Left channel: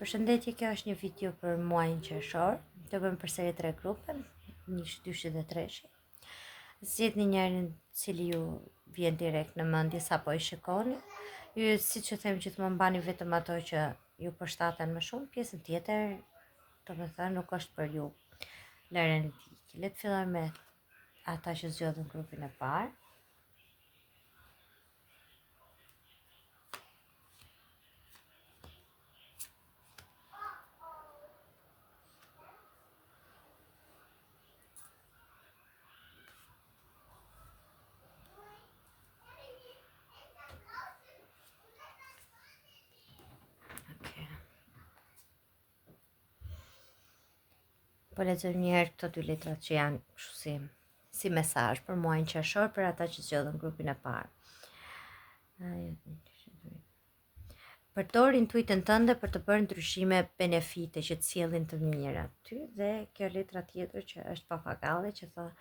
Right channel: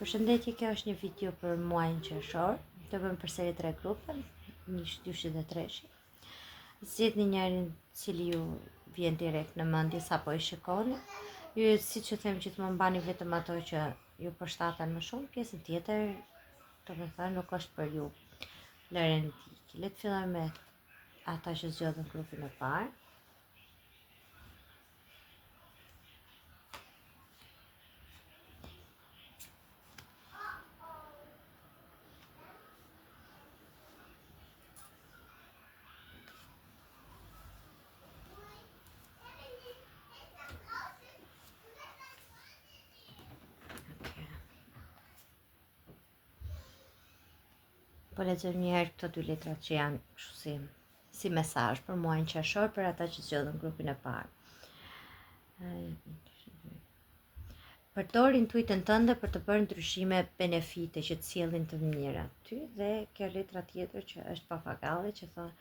Përshëndetje, kjo është një video për muajin qershor. Të bëjmë përsëri 3 grupe, 1, 2 dhe 3. Zgjedhni njërin cili ju vjen direkt në mendje sapo i shikoni. Ju siç e them gjithmonë mbani vetëm ato që ju përshtaten më shumë, pjesën tjetër, domethënë nuk është për ju. Lëreni tiki. Le të fillojmë me ata që zgjodhin grupin e parë. Po lexojmë një herë këto 2 letrat që janë kështu si mesazh për muajin qershor për ata që zgjodhin grupin e parë. Përdor intuitën tënde për të bërë ndryshime benefite që të sjellin të mira ty, dhe kjo letra tjetër që është papagalli që thonë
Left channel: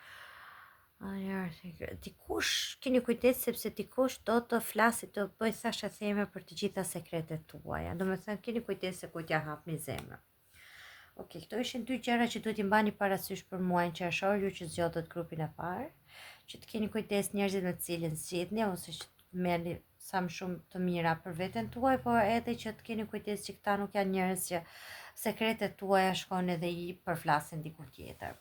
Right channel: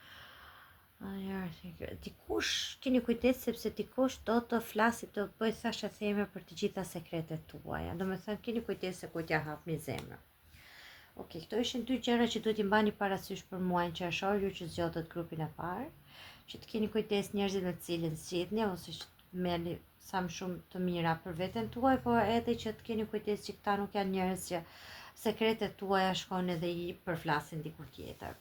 dikush, keni kujdes sepse dikush do të flasë, të bëj thashë theme për të gjitha sekretet tuaja. Domethënë keni kujdes se ku t'ja hapni zemrën. Okej, këto ishin 2 gjëra që duhet i mbani parasysh për muajin qershor, ju që zgjodhët grupin e parë, që të keni kujdes njerëzit me të cilin zgjidhni, ose që të merrni sa më shumë të mira për veten tuaj, por edhe që të keni kujdes që këta nuk janë njerëz që sekretet tuaja shkojnë edhe i përflasin diku tjetër.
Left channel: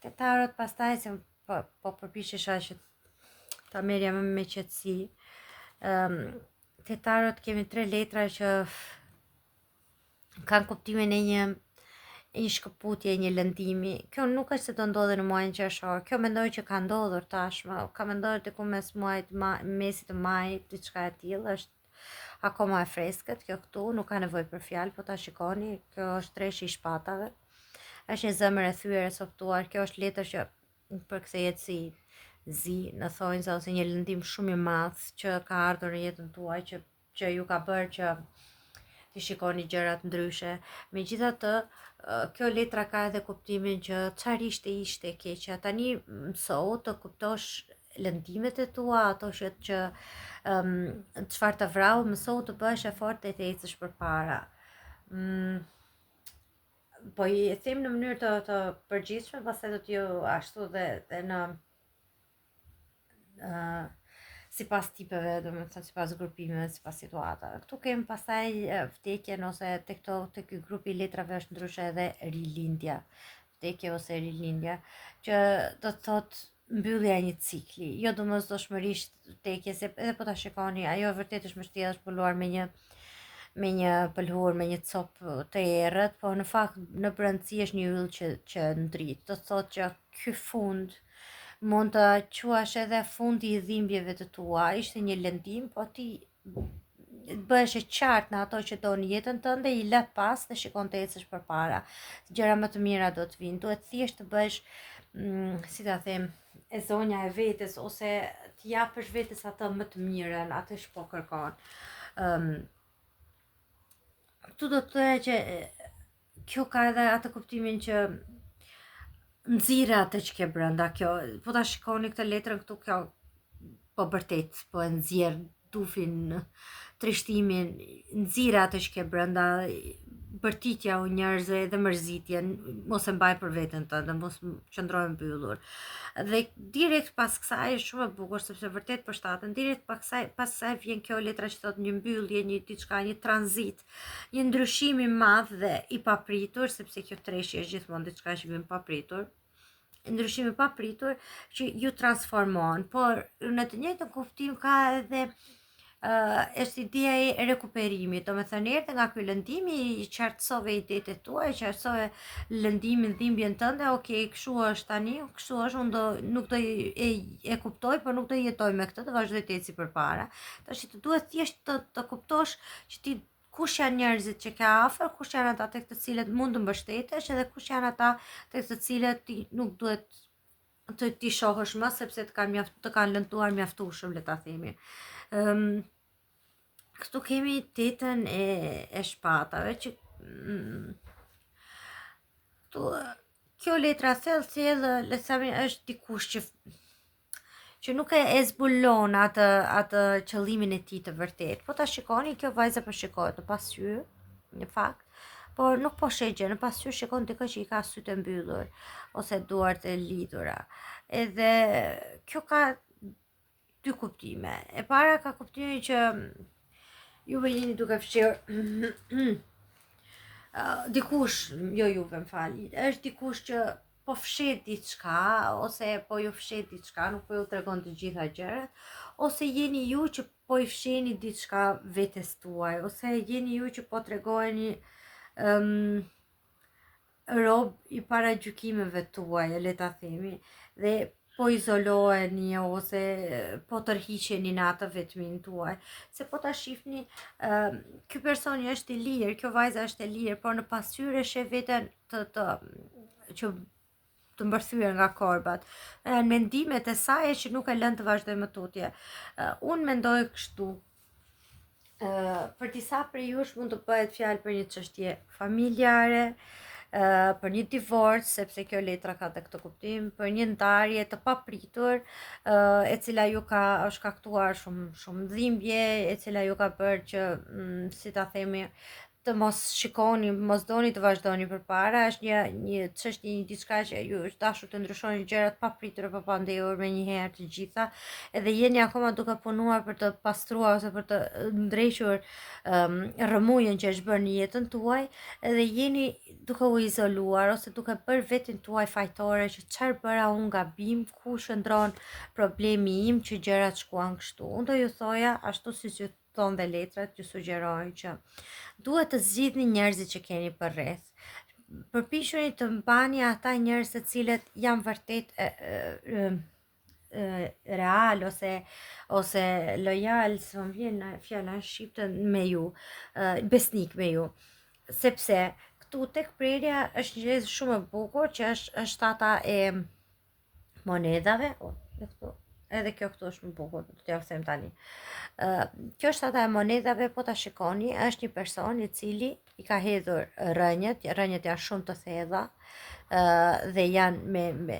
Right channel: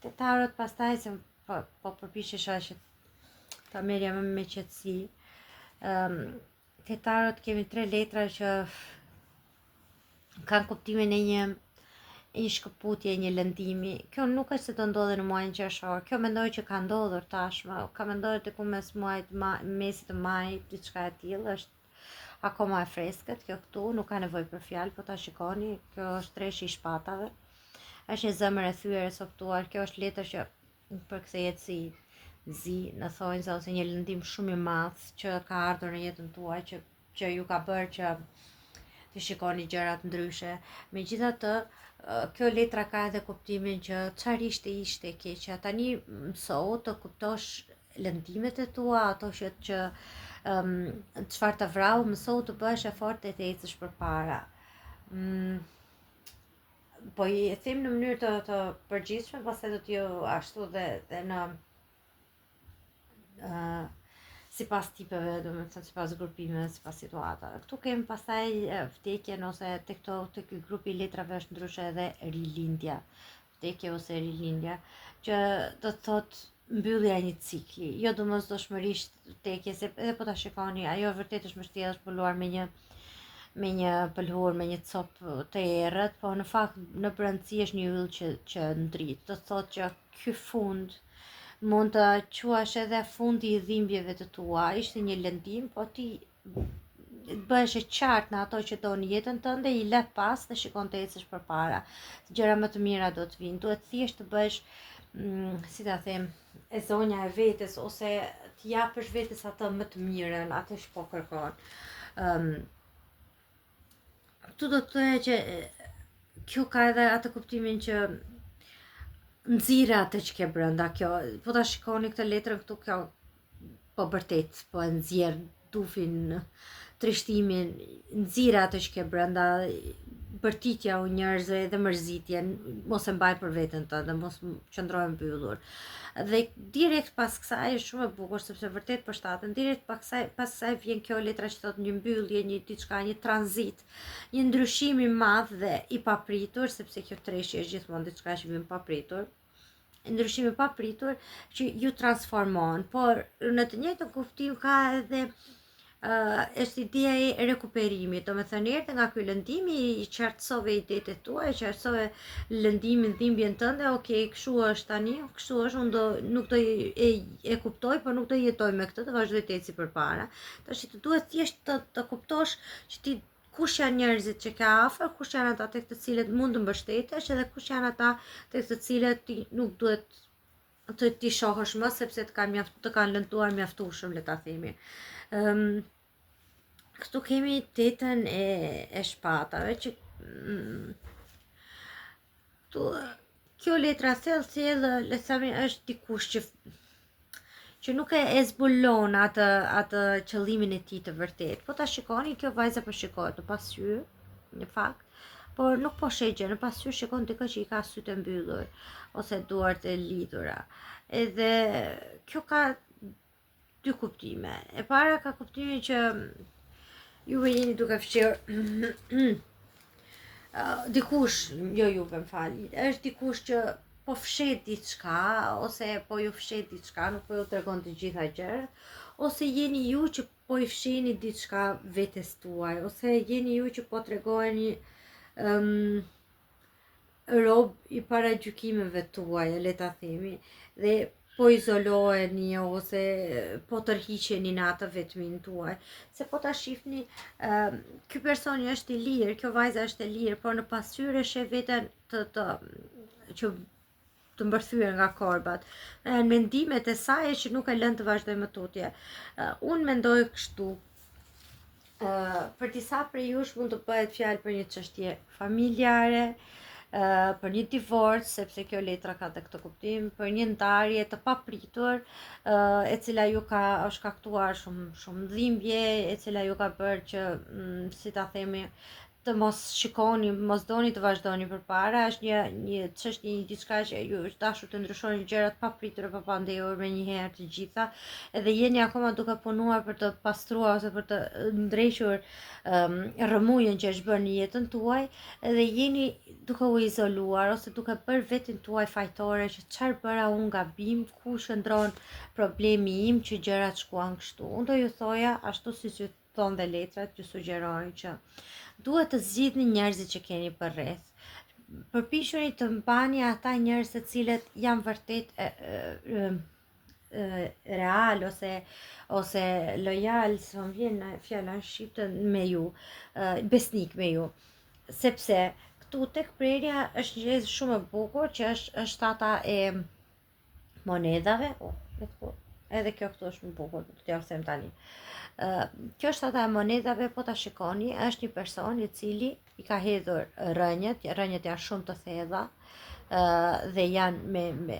Te tarot pastaj se po përpiqesha që ta merrja më me qetësi. Te tarot kemi 3 letra që kanë kuptimin e një shkëputje, një lëndimi. Kjo nuk është se do ndodhe në muajin qershor. Kjo mendoj që ka ndodhur tashmë. Ka ndodhur diku mes muajit mesit të majit, diçka e tillë, është akoma e freskët. Kjo këtu nuk ka nevojë për fjalë, po ta shikoni, kjo është treshi i shpatave. Është një zemër e thyer e softuar. Kjo është letër që përkthehet si zi në thonjza ose një lëndim shumë i madh që ka ardhur në jetën tuaj, që ju ka bërë që të shikoni gjërat ndryshe. Megjithatë, kjo letra ka edhe kuptimin që çfarë ishte keqja. Tani mëso të kuptosh lëndimet e tua, ato që çfarë të vrau, mëso të bësh efort të ecësh përpara. Po i them në mënyrë të përgjithshme, pastaj do t'ju ashtu dhe në sipas tipeve, domethënë sipas grupimeve, sipas situatave. Këtu kemi pastaj vdekjen, ose tek ky grup i letrave është ndryshe edhe rilindja, vdekje ose rilindja, që do të thotë mbyllja e një cikli, jo domosdoshmërisht vdekje, se edhe po ta shikoni, ajo vërtet është mbështjellë, është puluar me një pëlhur, me një copë të errët, po në fakt në brendësi është një yll që ndrit. Do të thotë që ky fund mund të quash edhe fundi i dhimbjeve të tua. Ishte një lëndim, po ti bëhesh e qartë në ato që do në jetën tënde, i le pas dhe shikon të ecësh përpara. Gjëra më të mira do të vinë. Duhet thjesht të bësh, si ta them, e zonja e vetes, ose të japësh vetes atë më të mirën, atë që po kërkon. Këtu do të thoya që kjo ka edhe atë kuptimin që nxirë atë që ke brenda. Kjo, po ta shikoni këtë letrën këtu, kjo po vërtet po e nxjerr dufin, trishtimin, nxirë atë që ke brenda, bërtitja u njerëzve dhe mërzitjen, mos e mbaj për veten tënde, mos qëndroj mbyllur. Dhe direkt pas kësaj është shumë e bukur, sepse vërtet përshtaten. Direkt pas kësaj vjen kjo letra që thotë një mbyllje, një diçka, një tranzit, një ndryshim i madh dhe i papritur, sepse kjo treshi është gjithmonë diçka që vjen papritur. Ndryshim i papritur që ju transformon, por në të njëjtën kuptim ka edhe është ideja e rekuperimit. Domethënë erdhe nga ky lëndimi, i qartësove idetë tuaja, qartësove lëndimin, dhimbjen tënde. Okej, kështu është tani, kështu është, unë nuk do e kuptoj, por nuk do jetoj me këtë, do vazhdoj të eci përpara. Tash të duhet thjesht të kuptosh që ti kush janë njerëzit që ke afër, kush janë ata tek të cilët mund të mbështetesh, edhe kush janë ata tek të cilët ti nuk duhet të ti shohësh më, sepse të kanë lënduar mjaftueshëm, le ta themi. Këtu kemi tetën e shpatave, që kjo letra thellë, le të themi, është dikush që nuk e zbulon atë qëllimin e tij të vërtet. Po ta shikoni, kjo vajza po shikohet në pasqyrë, në fakt, por nuk po shegje, në pasqyrë shikon dikë që i ka sytë mbyllur ose duart e lidhura. Edhe kjo ka dy kuptime. E para ka kuptimin që juve jeni duke fshirë dikush, jo juve m'fal, është dikush që po fshet diçka ose po ju fshet diçka, nuk po ju tregon të gjitha gjërat, ose jeni ju që po i fshihni diçka vetes tuaj, ose jeni ju që po tregoni rob i paragjykimeve tuaja, le ta themi, dhe po izoloheni ose po tërhiqeni në atë vetmin tuaj. Se po ta shihni, ky personi është i lirë, kjo vajza është e lirë, por në pasqyrë sheh veten që të mbërthyer nga korbat. Janë mendimet e saj që nuk e lën të vazhdojë më tutje. Unë mendoj kështu. Për disa prej jush mund të bëhet fjalë për një çështje familjare, për një divorc, sepse kjo letra ka të këtë kuptim, për një ndarje të papritur, e cila ju ka shkaktuar shumë dhimbje, e cila ju ka bërë që, si ta themi, të mos shikoni, mos doni të vazhdoni përpara, është një çështje, një diçka që ju është dashur të ndryshoni gjërat papritur e papandehur me një herë të gjitha, edhe jeni akoma duke punuar për të pastruar ose për të ndrequr rrëmujën që është bërë në jetën tuaj, edhe jeni duke u izoluar ose duke bërë veten tuaj fajtore që çfarë bëra unë gabim, ku shndron problemi im që gjërat shkuan kështu. Unë do ju thoja ashtu siç ju thon dhe letrat, ju sugjerojnë që duhet të zgjidhni njerëzit që keni përreth. Përpiquni të mbani ata njerëz të cilët janë vërtet real ose lojal, s'm vjen fjala në shqipte, me ju, besnik me ju. Sepse këtu tek prerja është një gjë shumë e bukur që është ata e monedhave. Edhe kjo këtu është më bukur, do t'ja them tani. Kjo është ata e monedhave, po ta shikoni, është një person i cili i ka hedhur rënjët janë shumë të thella, dhe janë me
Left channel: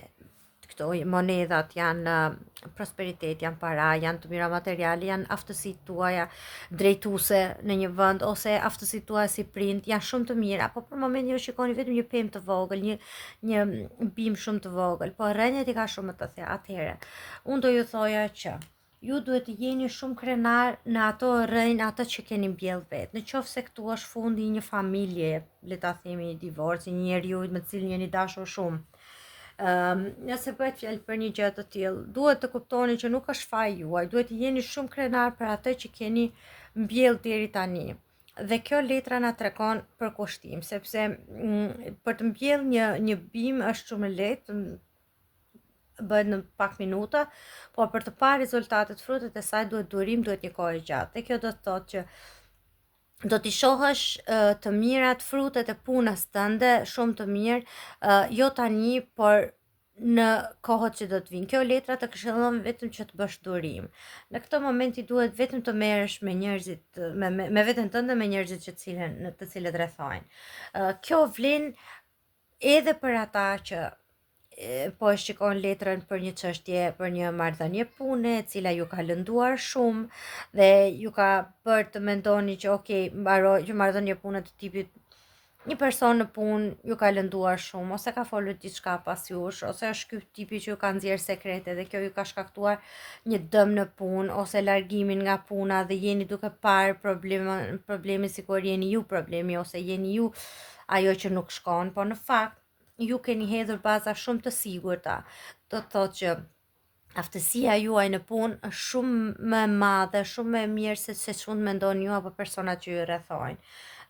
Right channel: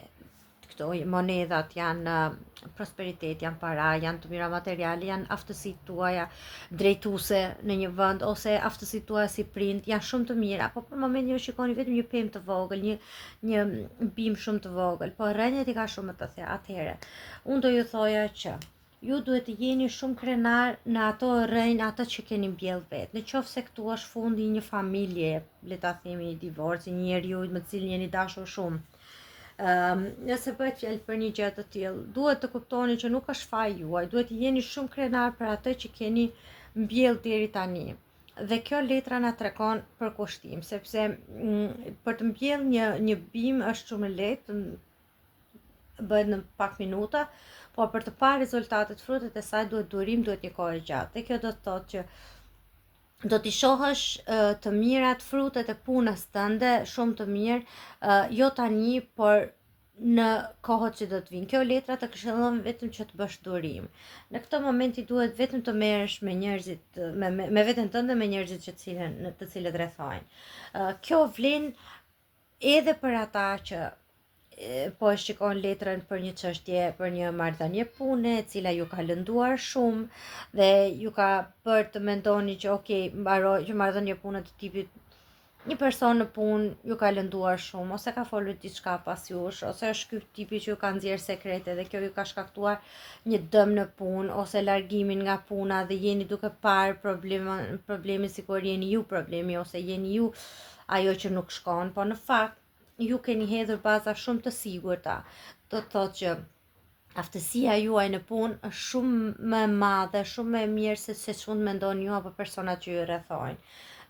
këto monedhat janë prosperitet, janë para, janë të mira materiale, janë aftësitë tuaja drejtuese në një vend ose aftësitë tuaja si prind, janë shumë të mira, po për momentin ju shikoni vetëm një pemë të vogël, një bim shumë të vogël, po rënjët i ka shumë të thella. Atëherë, unë do ju thoja që ju duhet të jeni shumë krenar në ato rënjë, ato që keni mbjell vetë. Në qoftë se këtu është fundi i një familje, le ta themi një divorc, një njeriu me të cilin jeni dashur shumë. Nëse bëhet fjalë për një gjë të tillë, duhet të kuptoni që nuk është faji juaj, duhet të jeni shumë krenar për atë që keni mbjell deri tani. Dhe kjo letra na tregon për kushtim, sepse për të mbjell një bim është shumë lehtë, bëhet në pak minuta, po për të parë rezultatet, frutet e saj duhet durim, duhet një kohë e gjatë. Dhe kjo do të thotë që do t'i shohësh të mirat, frutet e punës tënde shumë të mirë, jo tani, por në kohët që do të vinë. Kjo letra të këshillon vetëm që të bësh durim. Në këtë moment i duhet vetëm të merresh me njerëzit, me veten tënde, me njerëzit të cilët rrethojnë. Kjo vlen edhe për ata që po e shikon letrën për një çështje, për një marrëdhënie pune, e cila ju ka lënduar shumë dhe ju ka bërë të mendoni që okay, mbaroj që marrëdhënie pune të tipit një person në punë ju ka lënduar shumë, ose ka folur diçka pas jush, ose është ky tipi që ju ka nxjerrë sekrete dhe kjo ju ka shkaktuar një dëm në punë ose largimin nga puna dhe jeni duke parë problemi sikur jeni ju problemi ose jeni ju ajo që nuk shkon, por në fakt ju keni hedhur baza shumë të sigurta. Do të thotë që aftësia juaj në punë është shumë më e madhe, shumë më e mirë se ç'mund mendoni ju apo personat që ju rrethojnë.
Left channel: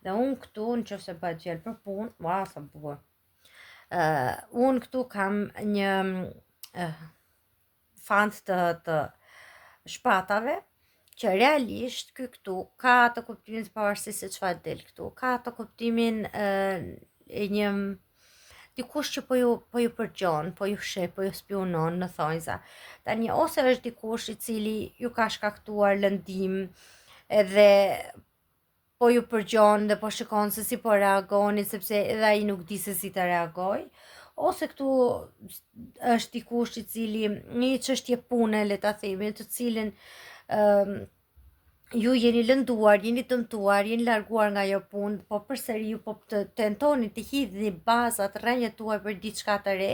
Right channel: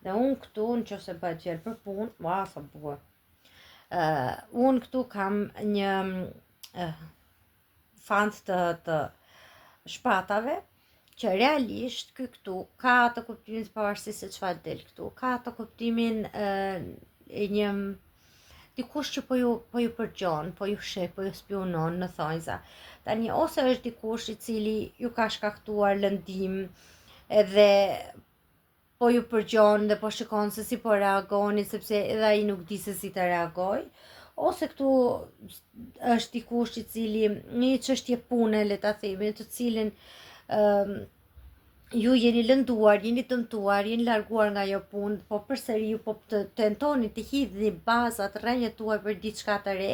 Dhe unë këtu, nëse bëhet fjalë për punë, wow, sa bukur. Unë këtu kam një fant të shpatave, që realisht këtu ka atë kuptimin pavarësisht se çfarë del këtu, ka atë kuptimin e një dikush që po ju përgjon, po ju sheh, po ju spionon në thonjza. Tani ose është dikush i cili ju ka shkaktuar lëndim edhe po ju përgjon dhe po shikon se si po reagoni, sepse edhe ai nuk di se si të reagoj, ose këtu është dikush i cili një çështje pune, le ta themi, të cilin ju jeni lënduar, jeni dëmtuar, jeni larguar nga ajo punë, po përsëri ju po të tentoni të hidhni bazat, rrënjët tuaj për diçka të re,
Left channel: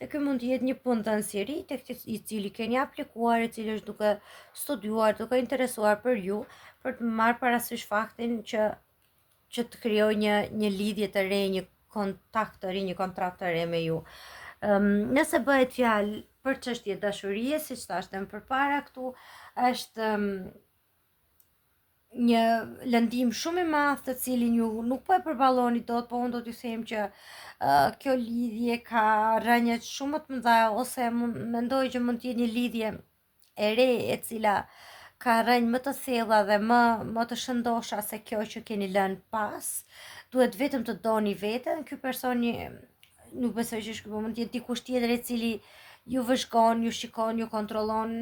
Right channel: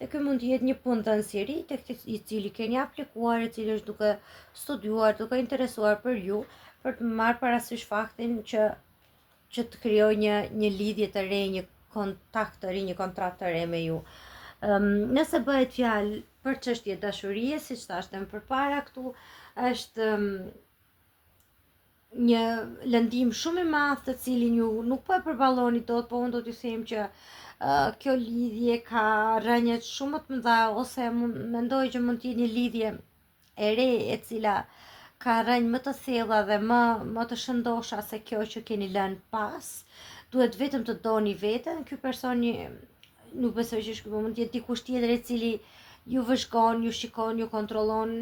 dhe ky mund të jetë një punë dënsiri tek i cili keni aplikuar, i cili është duke studiuar, duke interesuar për ju, për të marrë parasysh faktin që të krijoj një lidhje të re, një kontakt të ri, një kontrakt të re me ju. Nëse bëhet fjalë për çështje dashurie, siç thashëm përpara këtu, është një lëndim shumë i madh të cilin ju nuk po e përballoni dot, po unë do t'ju them që kjo lidhje ka rrënjët shumë të mëdha, ose mendoj që mund të jetë një lidhje e re e cila ka rrënjë më të thella dhe më të shëndosha se kjo që keni lënë pas. Duhet vetëm të doni veten. Ky personi nuk besoj që mund të jetë dikush tjetër i cili ju vëzhgon, ju shikon, ju kontrollon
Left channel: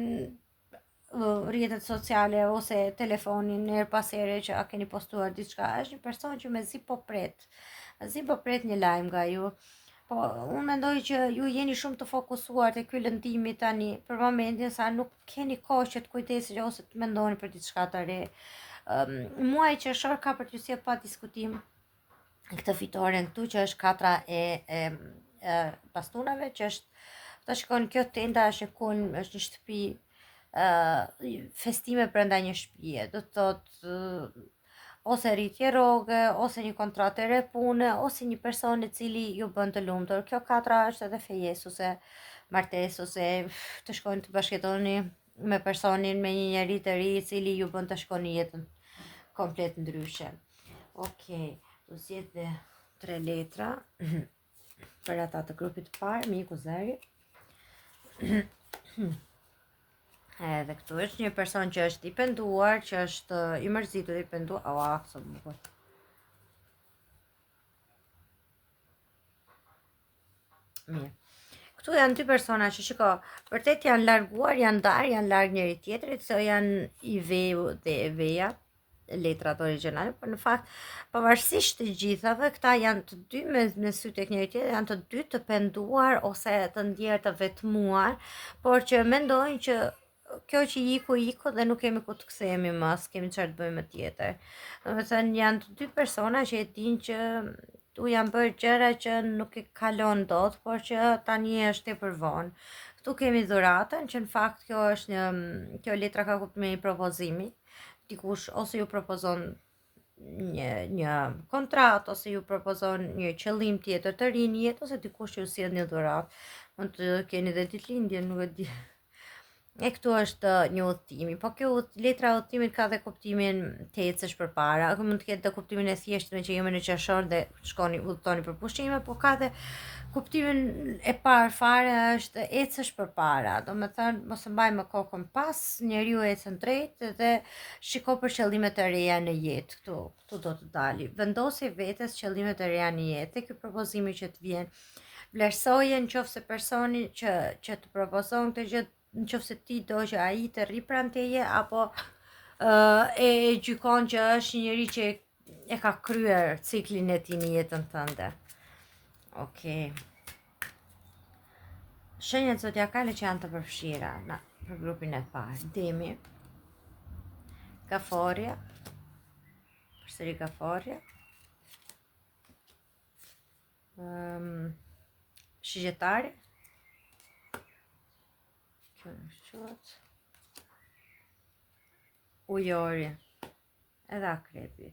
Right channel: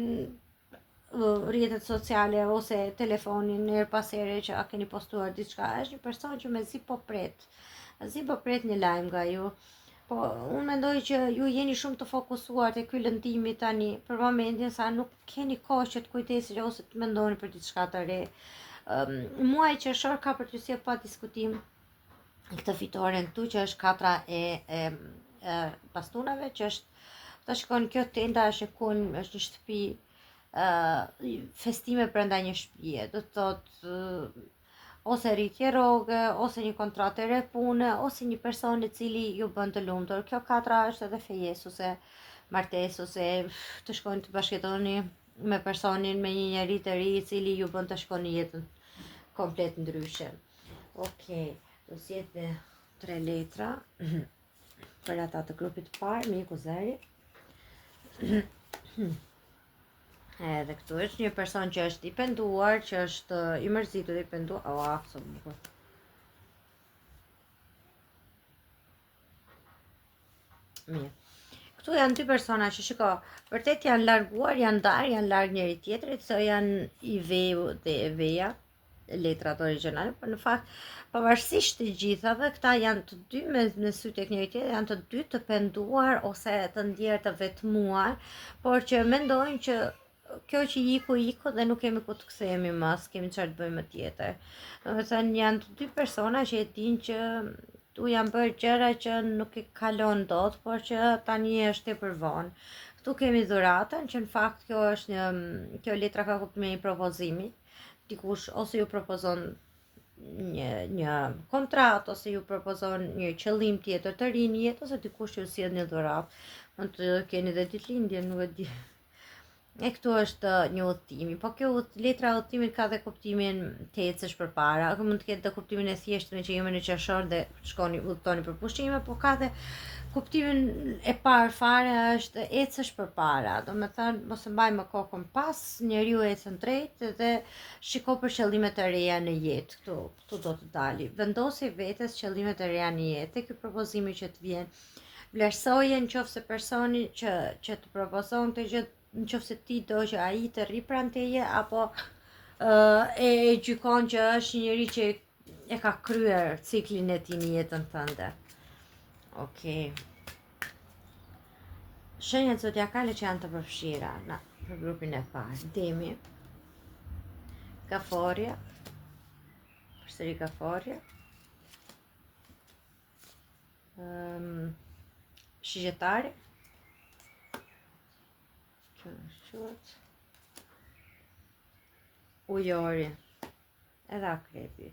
rrjetet sociale ose telefonin her pas here që a keni postuar diçka. Është një person që mezi po pret një lajm nga ju. Po unë mendoj që ju jeni shumë të fokusuar te ky lëndimi tani për momentin, sa nuk keni kohë që të kujdesni ose të mendoni për diçka të re. Muaji qershor ka për t'ju sjellë pa diskutim këtë fitoren këtu, që është katra e bastunave, që është ta shikon kjo tenda është një shtëpi, festime brenda një shtëpie, do të thotë ose rritje rroge, ose një kontratë e re pune, ose një person i cili ju bën të lumtur. Kjo katra është edhe fejesë ose martesë, ose të shkojnë të bashkëtoni me personin, me një njerëz të ri i cili ju bën të shkoni jetën komplet ndryshe. Okej, do zgjedh 3 letra për ata të grupit të parë, miku zëri. Edhe këtu është një person që është i penduar, që është i mërzitur, i penduar. Absolutisht. Mirë. Këtu janë dy persona që shiko, vërtet janë larguar, janë ndarë, janë larg njëri tjetrit, se janë i veu dhe e veja, letrat origjinale, por në fakt pavarësisht të gjithave, këta janë të dy me sy tek njëri tjetri, janë të dy të penduar ose të ndjerë të vetmuar, por që mendojnë që kjo që iku dhe nuk kemi ku të kthehemi më, s'kemi çfarë të bëjmë tjetër. Domethënë janë të dy persona që e dinë që u janë bërë gjëra që nuk i kalon dot, por që tani është tepër vonë. Këtu kemi dhuratën, që në fakt kjo letra ka kuptimin e një propozimi. Dikush ose ju propozon një kontratë, ose ju propozon një qëllim tjetër të ri në jetë, ose dikush që ju sjell një dhuratë. Mund të keni dhe ditëlindjen, nuk e di. E këtu është një udhëtimi, po kjo letra e udhëtimit ka dhe kuptimin të ecësh përpara. Mund të ketë dhe kuptimin e thjeshtë që jemi në qershor dhe shkoni udhëtoni për pushime, po ka dhe kuptimin e parë fare, është ecësh përpara. Domethënë mos e mbaj më kokën pas, njeriu ecën drejt dhe shiko për qëllime të reja në jetë. Këtu do të dali. Vendosi vetes qëllime të reja në jetë. Ky propozimi që të vjen, vlerësoje nëse personi që të propozon këtë gjë, nëse ti do që ai të rri pranë teje, apo e gjykon që është një njerëz që e ka kryer ciklin e tij në jetën tënde. Okej. Shenjat zodiakale që janë të përfshira për grupin e parë: Demi, Kaforja, përsëri Kaforja, Shigjetari, Ujori, edhe Akrepi.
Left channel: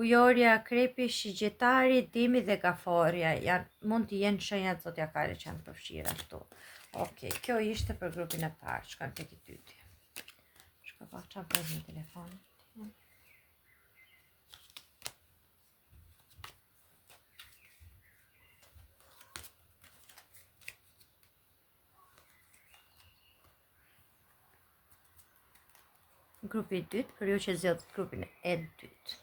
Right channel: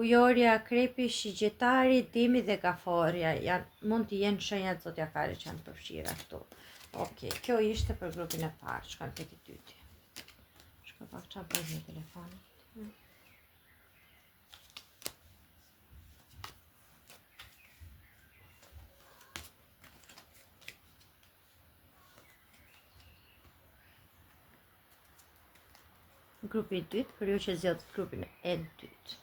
Ujori, Akrepi, Shigjetari, Demi dhe Kaforja mund të jenë shenjat zodiakale që janë përfshira këtu. Okej, kjo ishte për grupin e parë. Shkojmë tek i dyti. Shkoj pak çfarë bëj me telefonin. Grupi i dytë, për ju që zgjodhët grupin e dytë.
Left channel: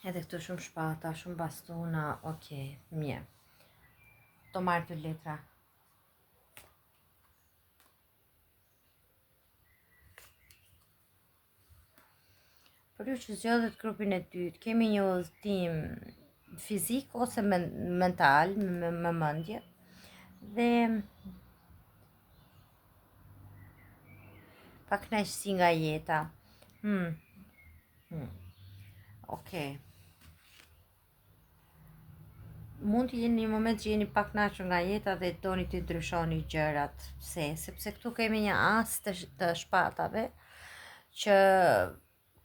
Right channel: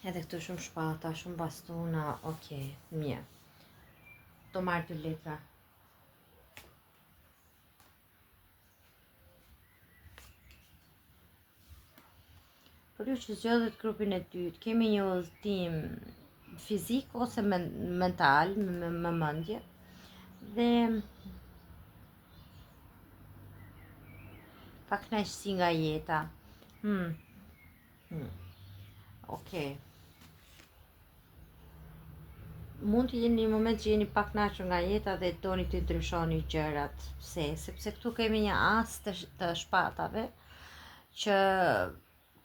Edhe këtu shumë shpata, shumë bastuna. Okej, mirë. Do marrë të letra. Për ju që zgjodhet grupin e dytë, kemi një udhëtim fizik ose mental, me mendje, dhe pakënaqësi nga jeta. Okej. Mund të jeni një moment që jeni pak kënaqur nga jeta dhe doni të ndryshoni gjërat. Sepse këtu kemi një as të shpatave që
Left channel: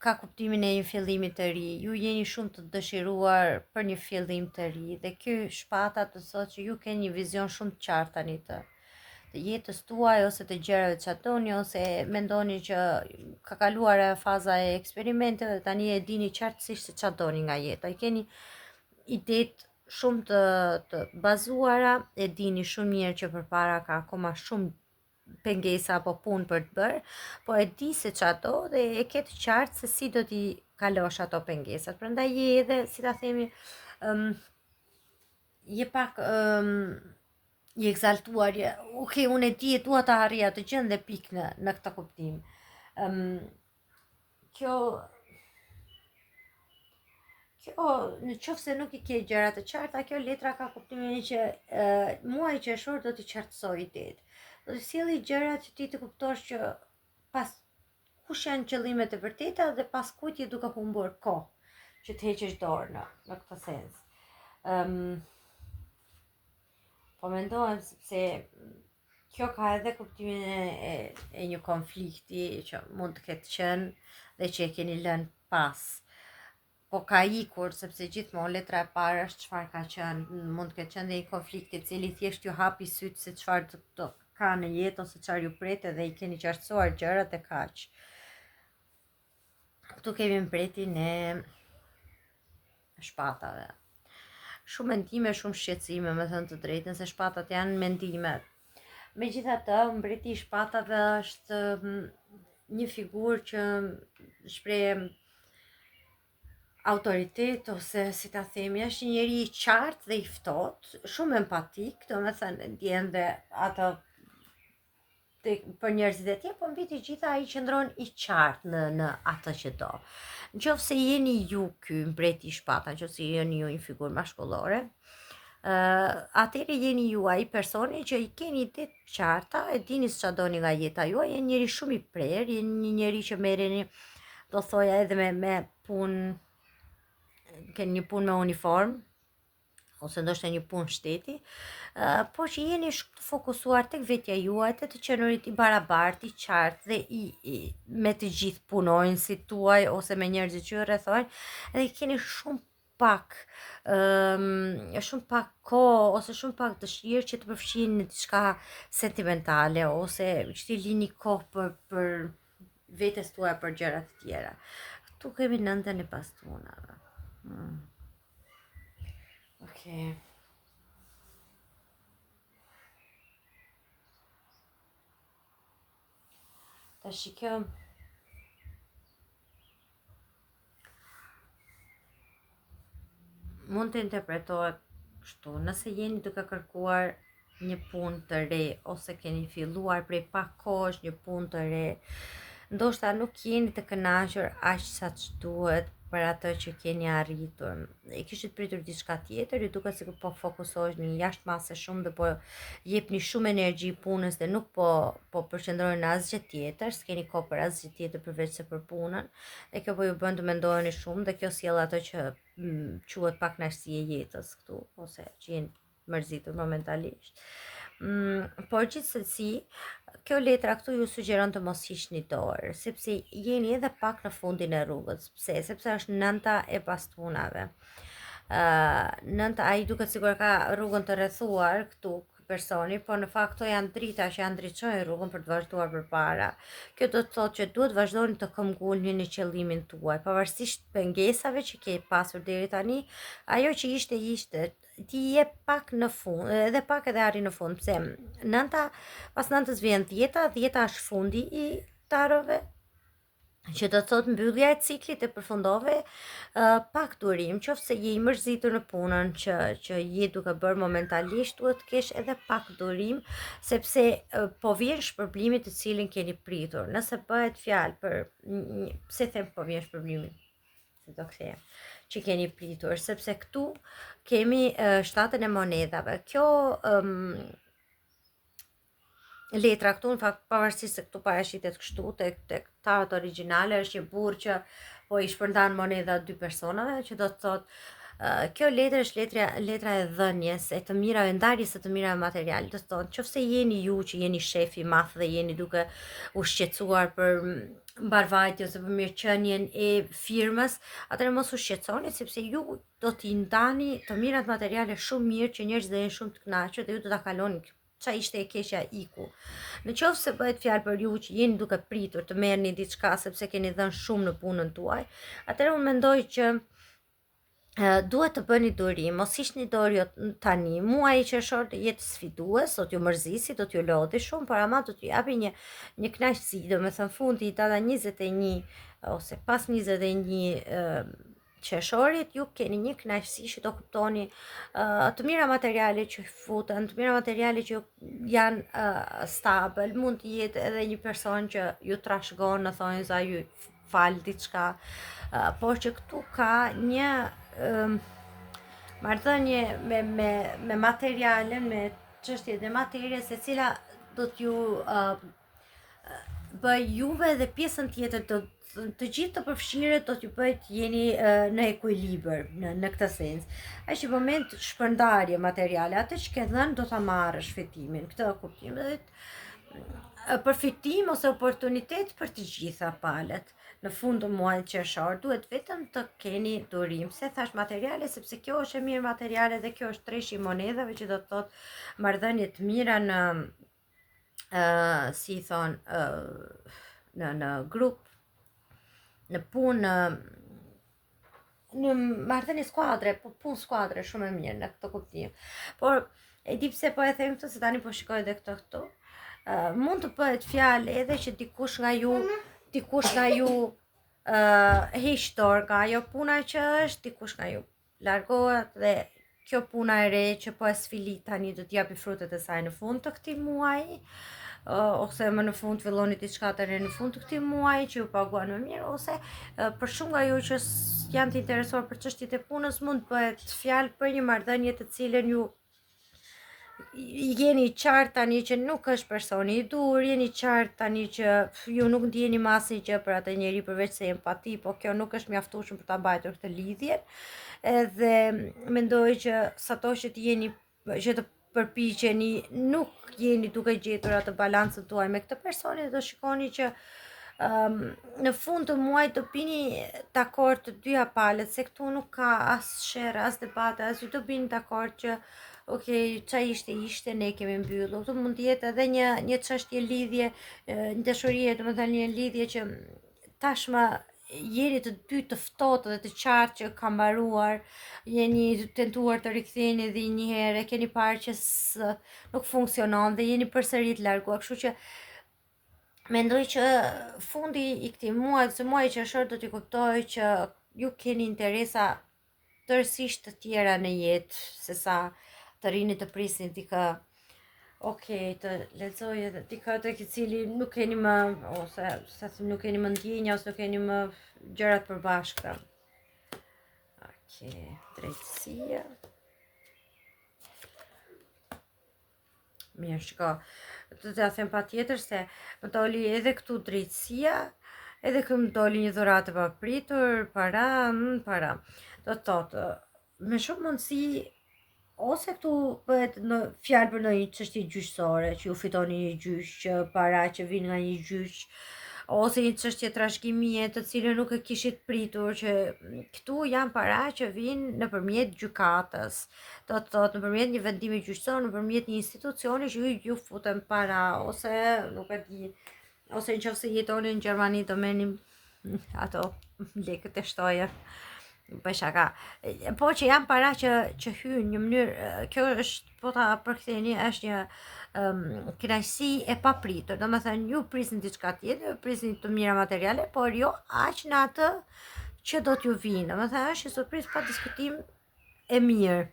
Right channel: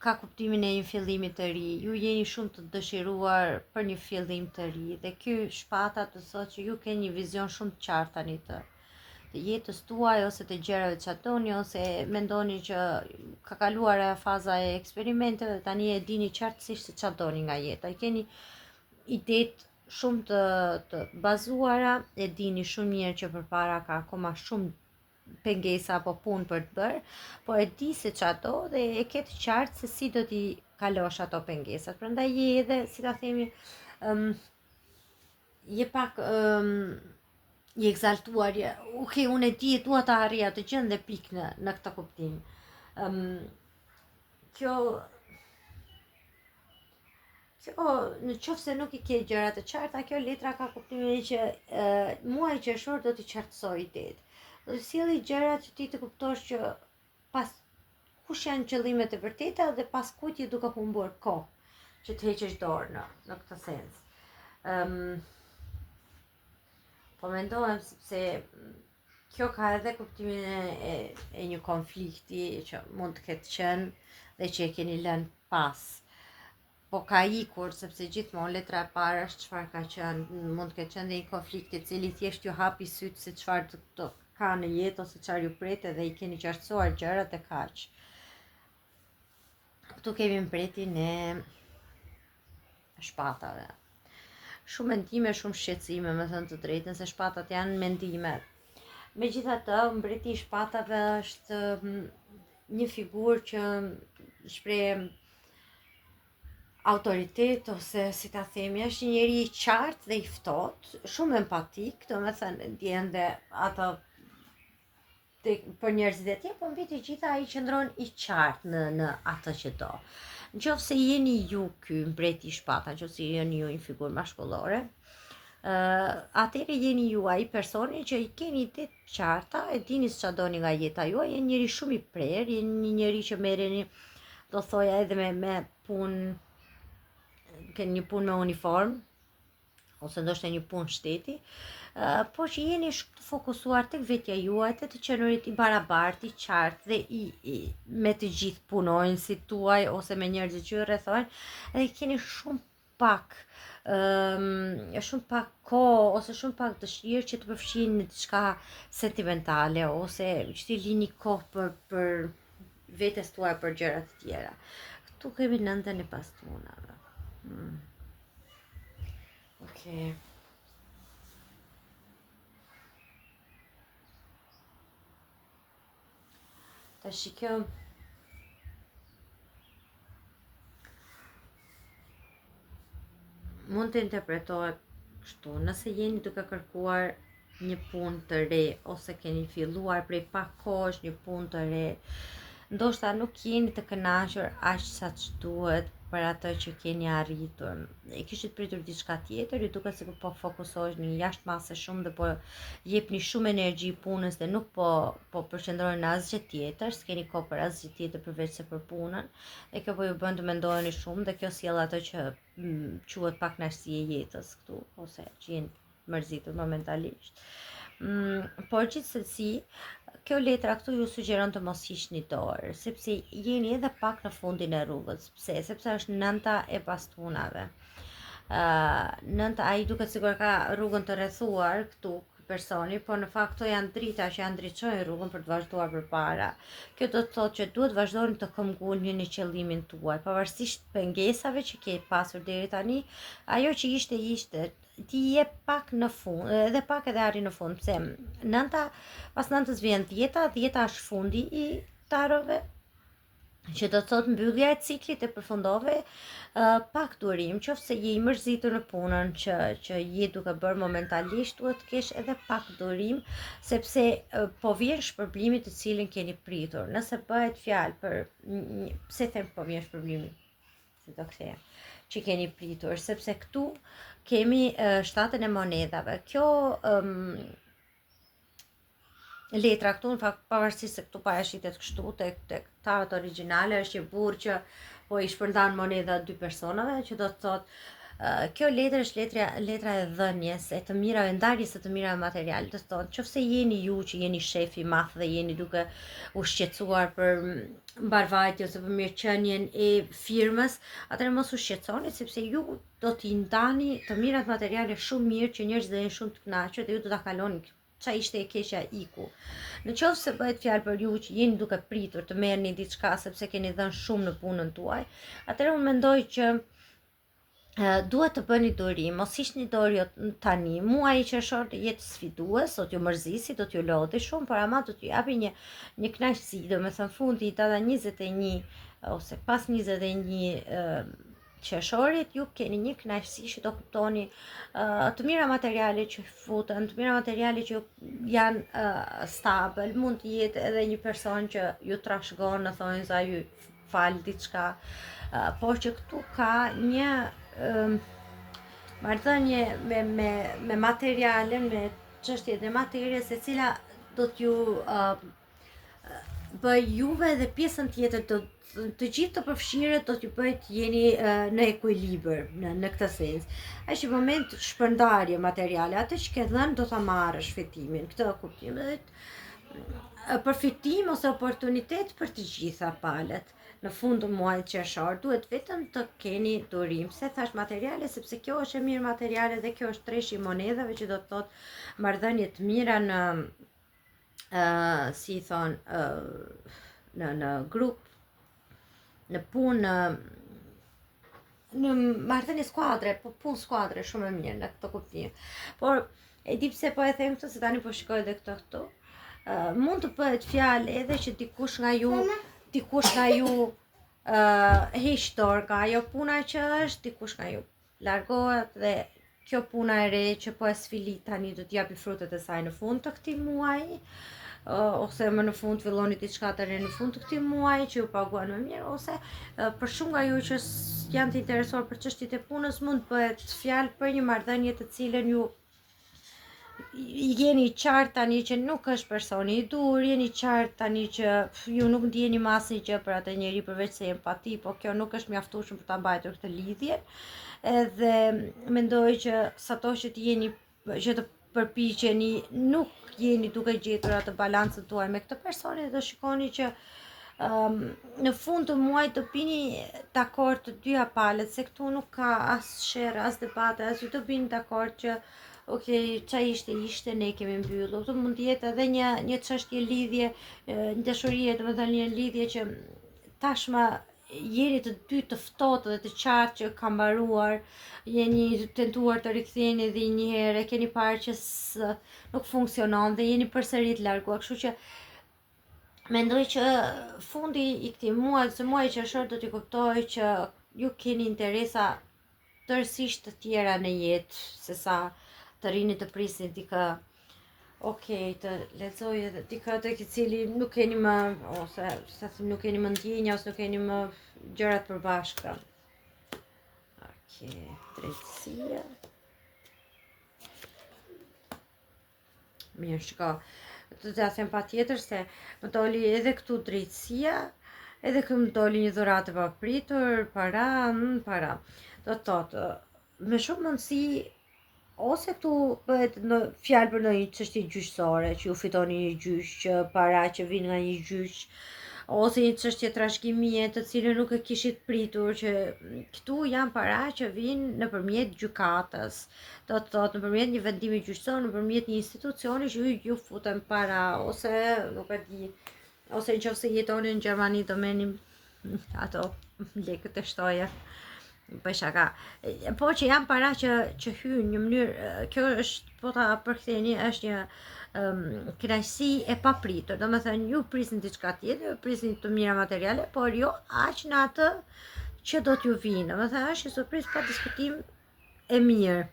ka kuptimin e një fillimi të ri. Ju jeni shumë të dëshiruar për një fillim të ri dhe ky shpata të thotë që ju keni një vizion shumë të qartë tani të jetës tuaj ose të gjërave që doni, ose mendoni që ka kaluar faza e eksperimenteve dhe tani e dini qartësisht se çfarë doni nga jeta. I keni idetë shumë të bazuara, e dini shumë mirë që përpara ka akoma shumë pengesa apo punë për të bërë, po e di se çfarë do dhe e ke të qartë se si do t'i kalosh ato pengesat. Prandaj je edhe, si ta themi, je pak i egzaltuar, unë e di e dua ta arrija të gjën dhe pik në këtë kuptim. Kjo në qoftë se nuk I ke gjërat të qarta, kjo letra ka kuptimin që muaji qershor do t'i qartësoj idetë. Do të sjellë gjërat që ti të kuptosh që pas kush janë qëllimet e vërteta dhe pas kujt je duke humbur kohë që të heqësh dorë në këtë sens. Po mendohem sepse kjo ka edhe kuptimin e një konflikti që mund të ketë qenë dhe që e keni lënë pas. Po ka ikur, sepse gjithmonë letra e parë është çfarë ka qenë, mund të ketë qenë dhe një konflikt I cili thjesht ju hapi sytë se çfarë të ka në jetë ose çfarë ju pret dhe I keni qartësuar gjërat e kaq. Këtu kemi mbretin e shpatave. Shumë mendime, shumë shqetësime, me thënë të drejtën, se shpatat janë mendime. Megjithatë, mbreti I shpatave është një figurë që shpreh autoritet, ose si ta themi, është një njeri I qartë dhe I ftohtë, shumë empatik, domethënë ndjen dhe ato për njerëzit e tjerë, po mbi të gjitha ai qëndron I qartë në atë që do. Nëse jeni ju ky mbreti I shpatave, nëse jeni ju një figurë mashkullore, atëherë jeni ju ai personi që I keni ide të qarta, e dini se çfarë doni nga jeta juaj, jeni njeri shumë I prerë, jeni një njeri që merreni, do thoja, edhe me punë, keni një punë me uniform, ose ndoshta një punë shteti, por që jeni shumë të fokusuar tek vetja juaj, të qenurit I barabartë, I qartë dhe me të gjithë punonjësit tuaj ose me njerëzit që ju rrethojnë, dhe keni shumë pak kohë ose shumë pak dëshirë që të përfshin në diçka sentimentale ose që t'i lini kohë për vetes tuaj, për gjëra të tjera. Këtu kemi nëntën e pastunave. Okej. Tash kjo mund të interpretohet kështu: nëse jeni duke kërkuar një punë të re ose keni filluar prej pak kohësh një punë të re, ndoshta nuk jeni të kënaqur aq sa duhet për atë që keni arritur. E kishit pritur diçka tjetër, ju duket sikur po fokusoheni jashtëmase shumë dhe po jepni shumë energji punës dhe nuk po përqendroheni në asgjë tjetër, s'keni kohë për asgjë tjetër përveç se për punën. Dhe kjo po ju bën të mendoheni shumë dhe kjo sjell atë që quhet pakënaqësi e jetës këtu, ose që jeni mërzitur momentalisht. Por gjithsesi, kjo letra këtu ju sugjeron të mos hiqni dorë, sepse jeni edhe pak në fundin e rrugës. Pse? Sepse është nënta e pastunave. Nënta, ai duket sikur ka rrugën të rrethuar këtu personi, por në fakt këto janë drita që janë ndriçojnë rrugën për të vazhduar përpara. Kjo do të thotë që duhet vazhdoni të këmbgulni në qëllimin tuaj, pavarësisht pengesave që ke pasur deri tani. Ajo që ishte, ti je pak në fund, edhe pak edhe arri në fund. Pse? Nënta, pas nëntës vjen dhjeta është fundi I tarove, që do të thotë mbyllja e ciklit e përfundove pak durim, qofse je I mërzitur në punën që je duke bërë momentalisht, duhet të kesh edhe pak durim, sepse po vjen shpërblimi të cilin keni pritur. Nëse bëhet fjalë për, pse them po vjen shpërblimi? si do kthejmë, që keni pritur, sepse këtu kemi shtatën e monedhave. Kjo letra këtu, në fakt, pavarësisht se këtu parashitet kështu tek tarot origjinale, është një burr që po i shpërndan monedha dy personave, që do të thotë kjo letër është letra e dhënjes, e të mirave, ndarjes së të mirave materiale. Do të thotë, nëse jeni ju që jeni shef i madh dhe jeni duke u shqetësuar për mbarvajtjen ose për mirëqenien e firmës, atëherë mos u shqetësoni, sepse ju do t'i ndani të mirat materiale shumë mirë që njerëzit do jenë shumë të kënaqur dhe ju do ta kaloni qa ishte e keqja iku. Në qoftë se bëhet fjalë për ju që jeni duke pritur të merrni diçka sepse keni dhënë shumë në punën tuaj, atëherë unë mendoj që duhet të bëni durim, mos hiqni dorë tani. Muaji qershor jetë sfidues, do t'ju mërzisi, do t'ju lodhi shumë, por ama do t'ju japi një kënaqësi, domethënë fundi i data 21 ose pas 21 qershorit, ju keni një kënaqësi që do kuptoni të mira materiale që futen, të mira materiale që janë stabil, mund të jetë edhe një person që ju trashëgon në thonjza, ju fal diçka, por që këtu ka një marrëdhënie me materialen, me çështjet e materjes, e cila do t'ju bëj juve dhe pjesën tjetër të gjithë të përfshirët do t'ju bëjt jeni në ekuilibër në këtë sens. Është një moment shpërndarje materiale, atë që ke dhënë do ta marrësh fitimin, këtë kuptim, përfitim ose oportunitet për të gjitha palët. Në fund të muajit qershor duhet vetëm të keni durim, se thash materiale, sepse kjo është e mirë materiale dhe kjo është treshi i monedhave, që do të thotë marrëdhënie të mira në si i thon në grup, në punë, në marrëdhënie skuadre, punë skuadre shumë e mirë në këtë kuptim. Por e di pse po e them këtë, se tani po shikoj edhe këtu. Mund të bëhet fjalë edhe që dikush nga ju heq dorë nga ajo puna që është, dikush nga ju largohet dhe kjo puna e re që po e sfilit tani do t'japi frutet e saj në fund të këtij muaji, ose më në fund filloni diçka të re në fund të këtij muaji që ju paguan më mirë, ose për shumë nga ju që janë të interesuar për çështjet e punës, mund të bëhet fjalë për një marrëdhënie të cilën ju jeni qartë tani që nuk është personi i dur, jeni qartë tani që ju nuk ndjeni më asnjë gjë për atë njeri përveç se empati, po kjo nuk është mjaftueshëm për ta mbajtur këtë lidhje. Edhe mendoj që sato që të përpiqeni, nuk jeni duke gjetur atë balancën tuaj me këtë personi, do shikoni që në fund të muajit do bini dakord të dyja palët, se këtu nuk ka as sherr, as debate, as ju do bini dakord që ok, qa ishte, ne kemi mbyllur. Këtu mund të jetë edhe një çështje lidhje, një dashurie, domethënë një lidhje që tashmë jeni të dy të ftohtë dhe të qartë që ka mbaruar, jeni tentuar të riktheheni edhe një herë, keni parë që nuk funksionon dhe jeni përsëri të larguar, kështu që mendoj që fundi i këtij muaji, se muaji qershor do t'i kuptoj që ju keni interesa tërësisht të tjera në jetë, sesa të rinit të prisni dikë, të lexoj edhe dikë tek i cili nuk keni më, ose nuk keni më ndjenja, ose nuk keni më gjërat përbashkëta. Drejtësia. Mirë, shiko. Do t'ja them patjetër se më doli edhe këtu drejtësia, edhe këtu më doli një dhuratë e papritur, para. Do të thotë, me shumë mundësi, ose këtu bëhet në fjalë për ndonjë çështje gjyqësore, që ju fitoni një gjyq, që para që vin nga një gjyq, ose një çështje trashëgimie të cilën nuk e kishit pritur, që këtu janë para që vinë nëpërmjet gjykatës. Do të thotë nëpërmjet një vendimi gjyqësor, nëpërmjet një institucioni që ju futen para, ose nuk e di, ose nëse jetoni në Gjermani do merrni ato lekët e shtoje. Për shaka, po që janë para që hynë një mënyrë, kjo është, po ta përktheni, është një kënaqësi e papritur. Domethënë ju prisni diçka tjetër, prisni të mira materiale, por jo aq në atë që do t'ju vinë. Domethënë është një surprizë pa diskutim e mirë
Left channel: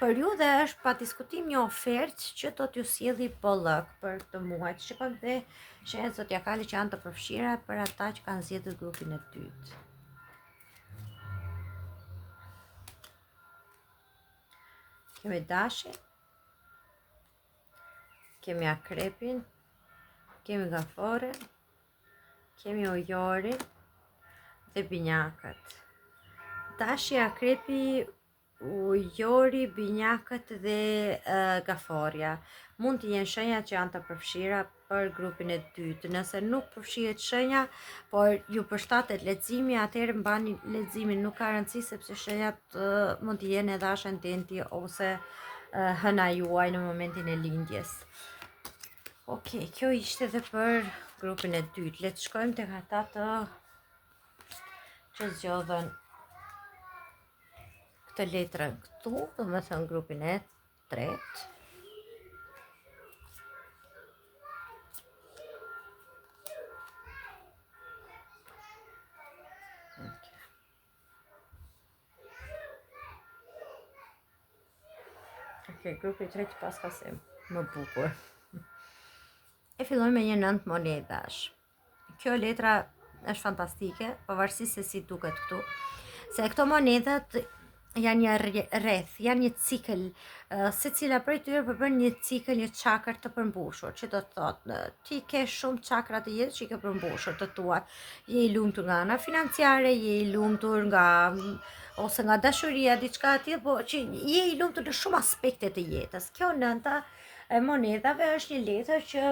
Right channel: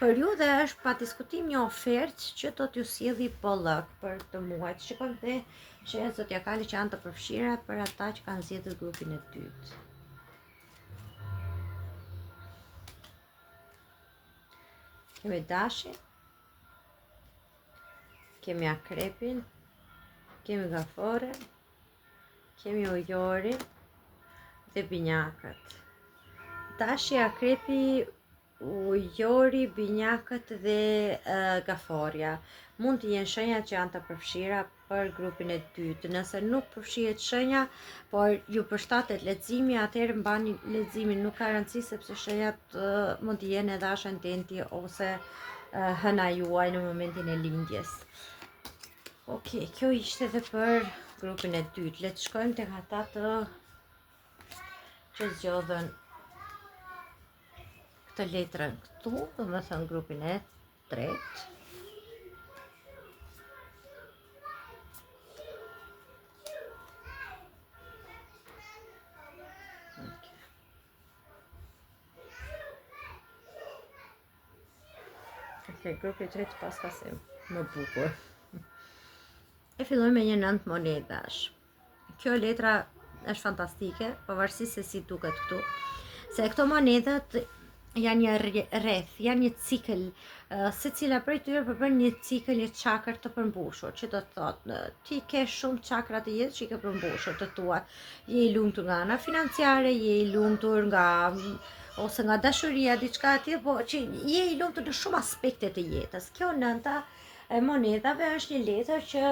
për ju dhe është pa diskutim një ofertë që do t'ju sjelli bollëk për këtë muaj. Shikojmë dhe shenjat zodiakale që janë të përfshira për ata që kanë zgjedhur grupin e dytë. kemi dashin, kemi akrepin, kemi gaforen, kemi ujorin dhe binjakët. Dashi, akrepi, ujori, binjakët dhe gaforja mund të jenë shenja që janë të përfshira për grupin e dytë. Nëse nuk përfshihet shenja, por ju përshtatet leximi, atëherë mbani leximin, nuk ka rëndësi sepse shenjat mund të jenë edhe ascendenti ose hëna juaj në momentin e lindjes. Okej, kjo ishte edhe për grupin e dytë. Le të shkojmë tek ata që zgjodhen këtë letrën këtu, do më thënë grupin e tretë. Ok, grupi i tretë pas ka se më bukur. E filloj me një 9 monedash. Kjo letra është fantastike, pavarësisht se si duket këtu. Se këto monedat janë një rreth, janë një cikël, secila prej tyre përbën një cikël, një çakër të përmbushur, që do të thotë, ti ke shumë çakra të jetës që i ke përmbushur të tua. Je i lumtur nga ana financiare, je i lumtur nga ose nga dashuria, diçka tjetër, po që je i lumtur në shumë aspekte të jetës. Kjo nënta e monedave është një letër që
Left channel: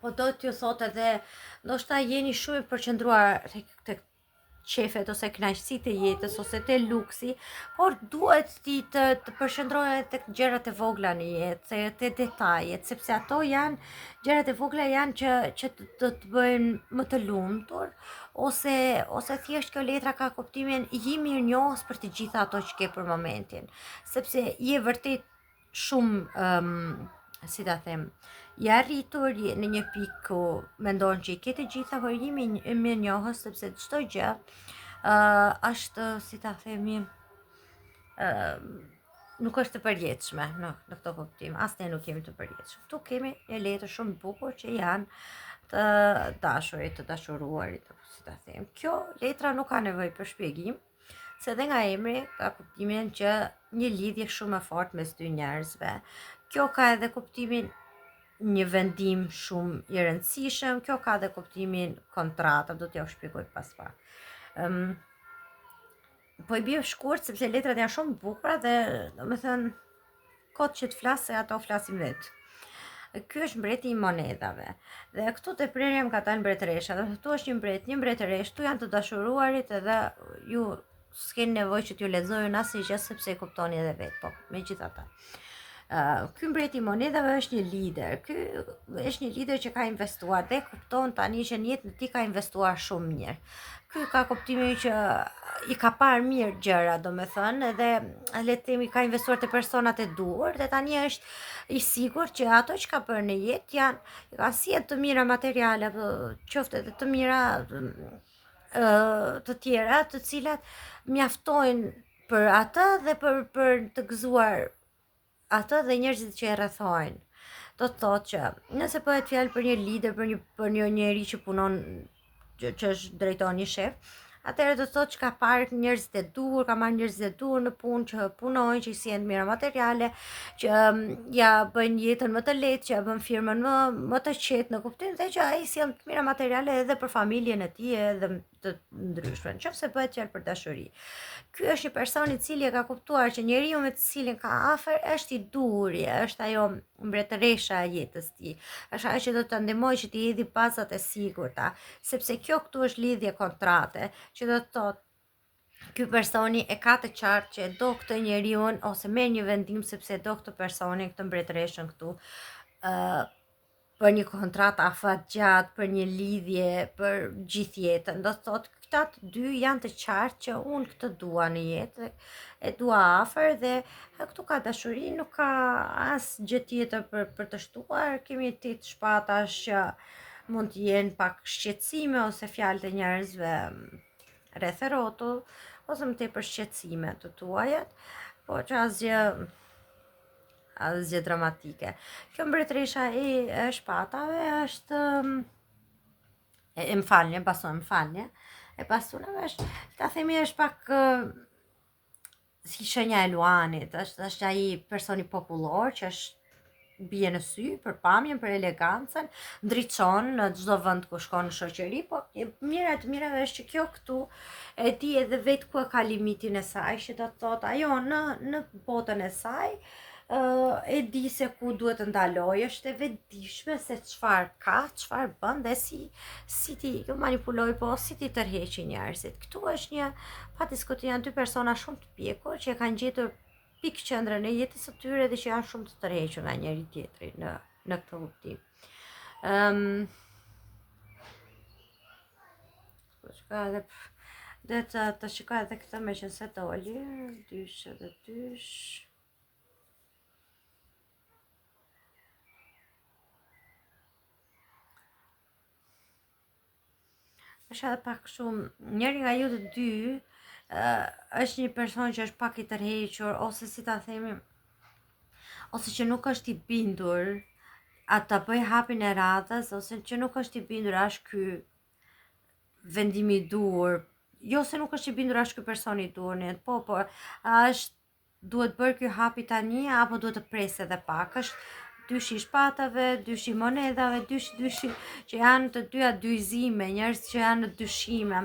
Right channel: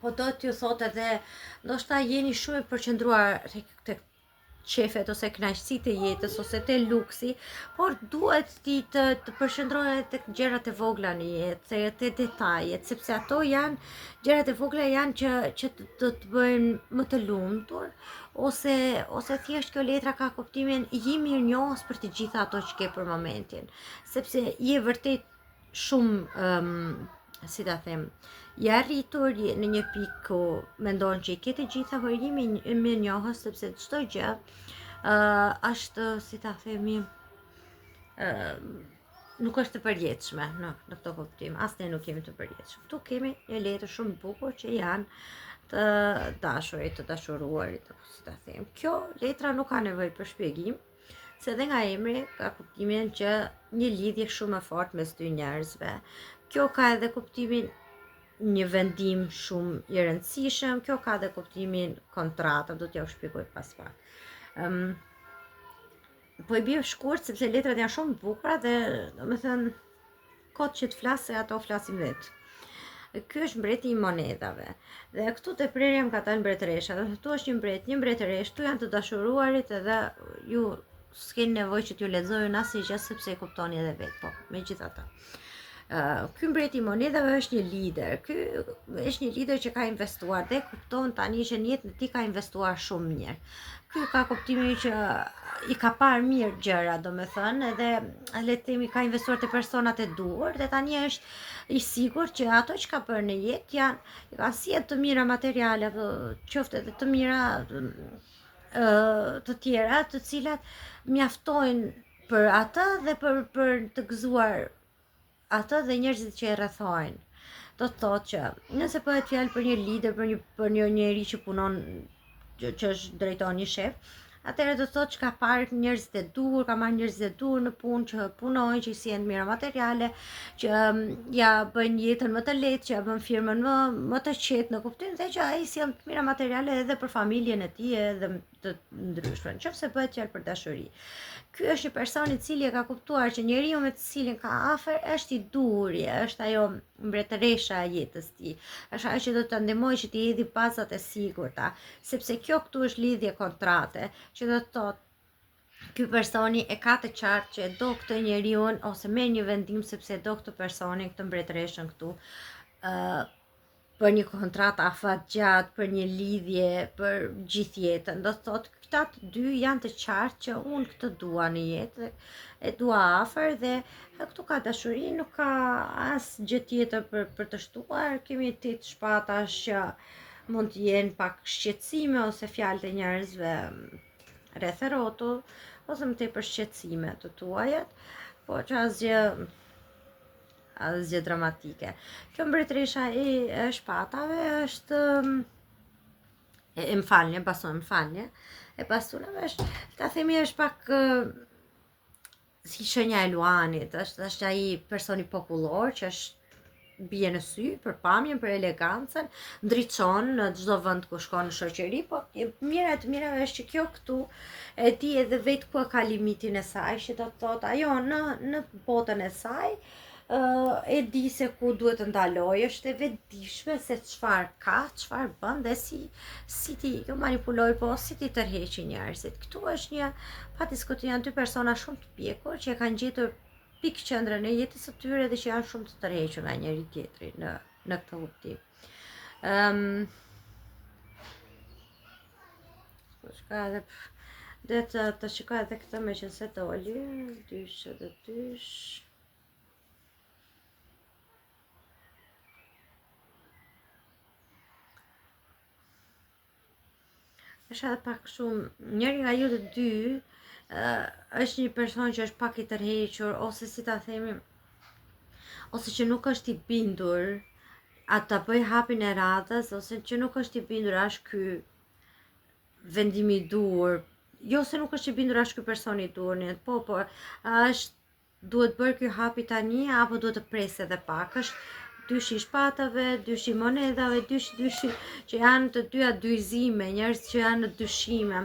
po do t'ju thot edhe ndoshta jeni shumë i përqendruar tek qefet ose kënaqësitë e jetës ose te luksi, por duhet ti të përqendrohet tek gjërat e vogla në jetë, te detajet, sepse ato janë gjërat e vogla janë që do të bëjnë më të lumtur, ose thjesht kjo letra ka kuptimin je mirënjohës për të gjitha ato që ke për momentin, sepse je vërtet shumë si ta them, je arritur në një pikë ku mendon që i ke të gjitha, por je mirënjohës sepse çdo gjë është, si ta themi, nuk është të përjetshme në këtë kuptim. As ne nuk jemi të përjetshëm. Ktu kemi një letër shumë bukur që janë të dashurit, të dashuruarit, si ta them. Kjo letra nuk ka nevojë për shpjegim, se edhe nga emri ka kuptimin që një lidhje shumë e fortë mes dy njerëzve. Kjo ka edhe kuptimin një vendim shumë i rëndësishëm, kjo ka edhe kuptimin kontrata, do t'ja shpjegoj pas pak. Po i bie shkurt sepse letrat janë shumë bukura dhe domethënë kot që të flas se ato flasin vetë. Ky është mbreti i monedave. Dhe këtu te prerja më ka thënë mbretëresha, dhe këtu është një mbretëresh, këtu janë të dashuruarit edhe ju s'keni nevojë që t'ju lexoj unë asnjë gjë sepse e kuptoni edhe vetë, po megjithatë. Ky mbreti i monedave është një lider. Ky është një lider që ka investuar dhe kupton tani që në jetën e tij ka investuar shumë mirë. Ky ka kuptimin që i ka parë mirë gjëra, domethënë, edhe le të themi ka investuar te personat e duhur dhe tani është i sigurt që ato që ka bërë në jetë janë ka sjellë të mira materiale, apo qoftë edhe të mira të tjera, të cilat mjaftojnë për atë dhe për të gëzuar atë dhe njerëzit që e rrethojnë. Do të thotë që nëse bëhet fjalë për një lider, për një njerëz që punon, që është drejton një shef, atëherë do të thotë që ka parë njerëzit e duhur, ka marrë njerëzit e duhur në punë që punojnë, që i sjellin mira materiale, që ja bëjnë jetën më të lehtë, që ja bën firmën më të qetë në kuptim dhe që ai sjell mira materiale edhe për familjen e tij edhe të ndryshme. Nëse bëhet fjalë për dashuri. Ky është një person i cili e ka kuptuar që njeriu me të cilin ka afër është i duri, është ajo mbretëresha e jetës tij. Është ajo që do të ndihmojë që të hedhë bazat e sigurta, sepse kjo këtu është lidhje kontrate, që do të thotë ky personi e ka të qartë që do këtë njeriu ose merr një vendim sepse do këtë personin, këtë mbretëreshën këtu, për një kontratë afatgjatë, për një lidhje, për gjithë jetën. Do të thotë këta të dy janë të qartë që unë këtë dua në jetë, e dua afër dhe këtu ka dashuri, nuk ka asë gjë tjetër për të shtuar. Kemi 8 shpatash që mund të jenë pak shqetësime ose fjalët e njerëzve rreth e rrotull, ose më tepër shqetësime të tuajat, po që asgjë dramatike. Kjo mbretëresha e shpatave është baston, e bastonave është, ta themi, është pak si shenja e Luanit, është ai personi popullor që është bie në sy për pamjen, për elegancën, ndriçon në çdo vend ku shkon në shoqëri, po mira të mirave është që kjo këtu e di edhe vetë ku ka limitin e saj, që do të thotë ajo në botën e saj e di se ku duhet të ndaloj, është e vetëdijshme se çfarë ka, çfarë bën dhe si ti manipuloj, po si ti tërheqi njerëzit. Këtu është një pa diskutim, janë dy persona shumë të pjekur që kanë gjetur pikë qendrën e jetës së tyre dhe që janë shumë të tërhequr nga njëri tjetri në këtë kuptim. Shka edhe të shikoj edhe këtë me që se të oli, dysh edhe dysh. Është edhe pak shumë, njëri nga ju të dy është një person që është pak i tërhequr, ose si ta themi, ose që nuk është i bindur atë të bëj hapin e radhës, ose që nuk është i bindur është ky vendimi i dur, jo se nuk është i bindur është ky personi i dur, po është duhet bërë ky hapi tani apo duhet të presë edhe pak, është dyshi i shpatave, dyshi i monedhave, dyshi që janë të dyja dyzime, njerëz që janë në dyshime.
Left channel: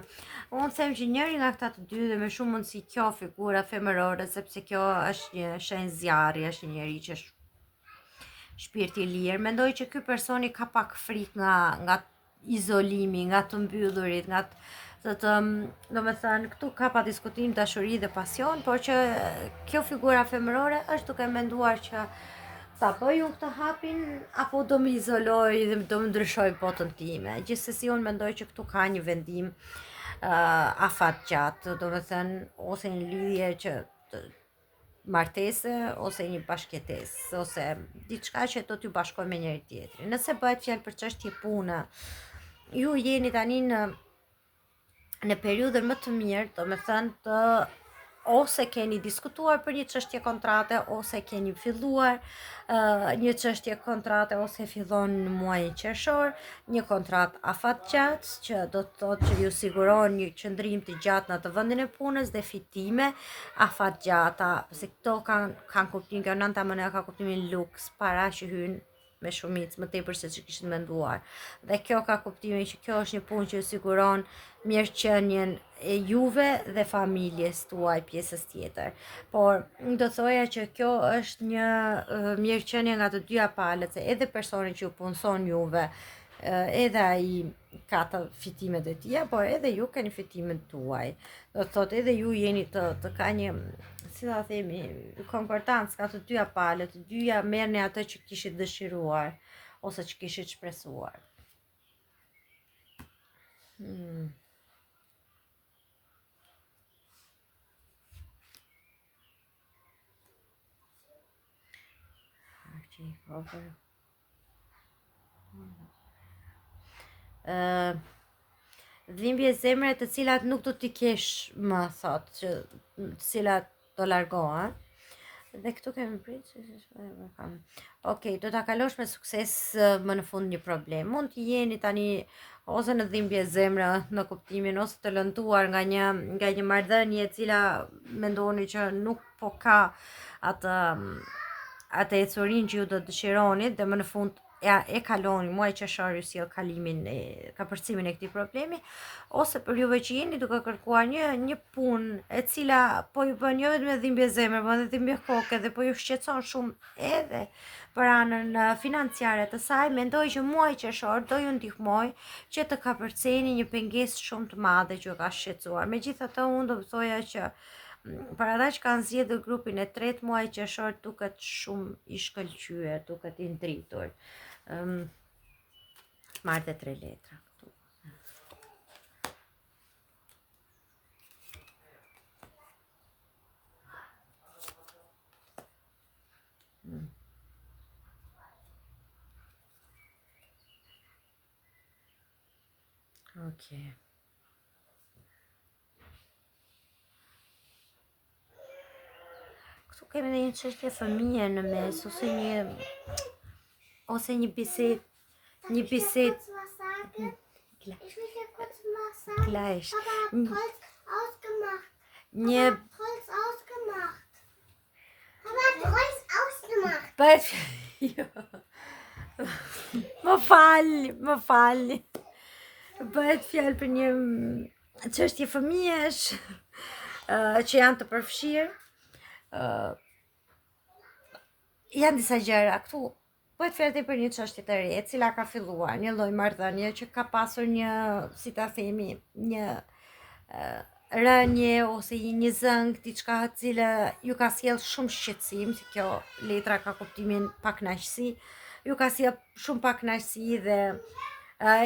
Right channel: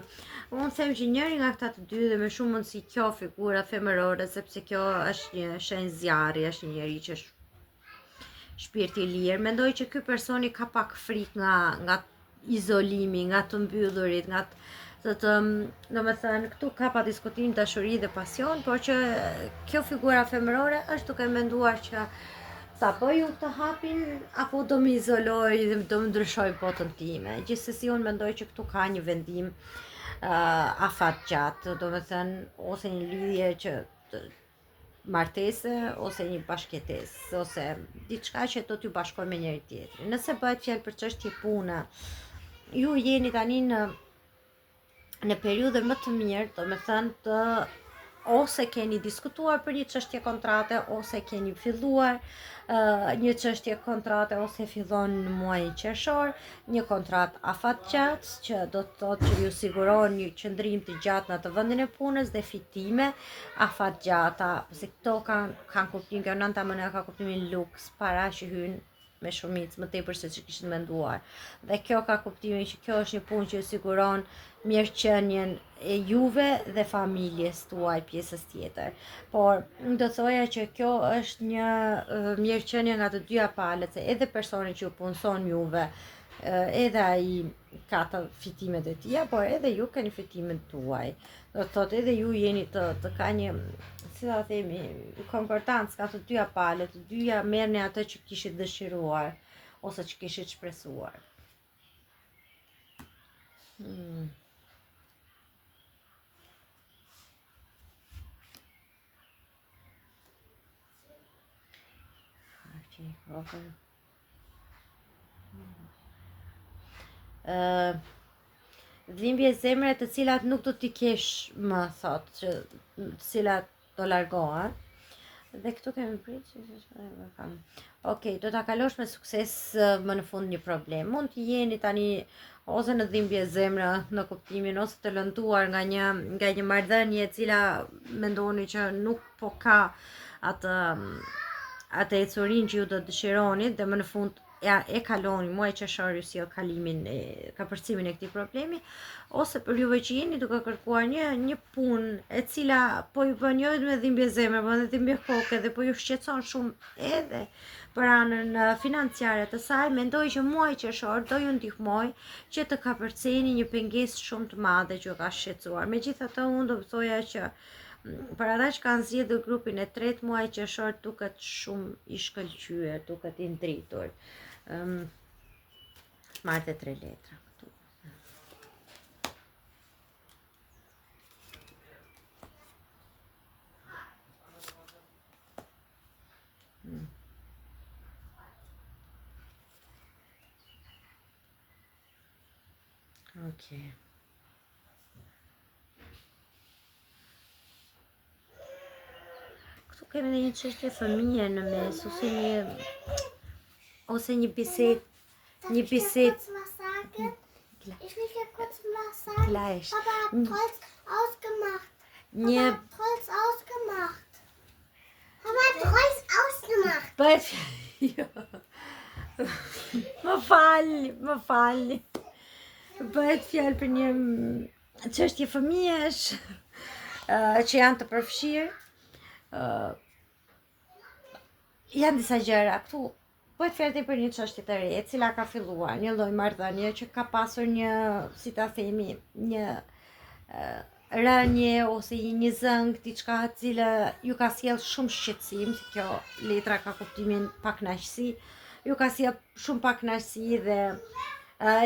Unë them që njëri nga këta të dy dhe me shumë mundësi kjo figura femërore, sepse kjo është një shenjë zjarri, është një njeri që është shpirti i lirë. Mendoj që ky personi ka pak frikë nga izolimi, nga të mbyllurit, nga do me thënë, këtu ka pa diskutim dashuri dhe pasion, por që kjo figura femërore është duke menduar që ta bëj unë këtë hapin, apo do më izoloj dhe do më ndryshoj botën time. Gjithsesi unë mendoj që këtu ka një vendim afatgjat, do me thënë, ose një lidhje që martese, ose një bashkëtesë, ose diçka që do t'ju bashkoj me njëri tjetrin. Nëse bëhet fjalë për çështje pune, ju jeni tani në periudhën më të mirë, do me thënë ose keni diskutuar për një çështje kontrate, ose keni filluar një çështje kontrate, ose fillon në muajin qershor, një kontratë afatgjatë që do të thotë që ju siguron një qëndrim të gjatë në atë vendin e punës dhe fitime afatgjata, se këto kanë kuptim, kjo nënta mëne ka kuptimin luks, para që hyn me shumicë më tepër se që kishit menduar. Dhe kjo ka kuptimin që kjo është një punë që siguron mirëqenien e juve dhe familjes tuaj pjesës tjetër. Por do thoja që kjo është një mirëqenie nga të dyja palët, se edhe personi që ju punson juve, edhe ai ka të fitimet e tija, por edhe ju keni fitimet tuaj. Do thotë edhe ju jeni të ka një, si ta themi, konkordancë nga të dyja palët, të dyja merrni atë që kishit dëshiruar ose që kishit shpresuar. Dhimbje zemre të cilat nuk do t'i kesh më, thot, që të cilat do largohen. Dhe këtu kemi pritë që Okej, do t'a kalosh me sukses më në fund një problem. Mund t'i jeni tani ose në dhimbje zemre në kuptimin, ose të lënduar nga një marrëdhënie e cila mendoni që nuk po ka atë ecurin që ju do dëshironi dhe më në fund e kaloni muaj qershor ju sjell ka përcimin e këtij problemi, ose për juve që jeni duke kërkuar një punë e cila po ju bën jo vetëm dhimbje zemre, por edhe dhimbje koke dhe po ju shqetëson shumë edhe për anën financiare të saj, mendoj që muaji qershor do ju ndihmoj që të kapërceni një pengesë shumë të madhe që ju ka shqetësuar. Megjithatë, unë do të thoja që për ata që kanë zgjedhur grupin e tretë, muaji qershor duket shumë i shkëlqyer, duket i ndritur. Marrë 3 letra. Okay. Këtu kemi dhe një çështje fëmije në mes, ose një bisedë. Ich will ja kurz was sagen. Gleich. Papa hat Holz ausgemacht. Një Holz ausgemacht. Mama hat Holz ausgemacht. bëhet jo. Më fal. Bëhet fjalë për një çështje fëmijësh që janë të përfshirë. Janë disa gjëra këtu. Bëhet fjalë për një çështje të re, e cila ka filluar, një lloj marrëdhënie që ka pasur një, si ta themi, një rënje ose një zëng, diçka e cila ju ka sjell shumë shqetësim, si kjo letra ka kuptimin pakënaqësi, ju ka sjell shumë pakënaqësi dhe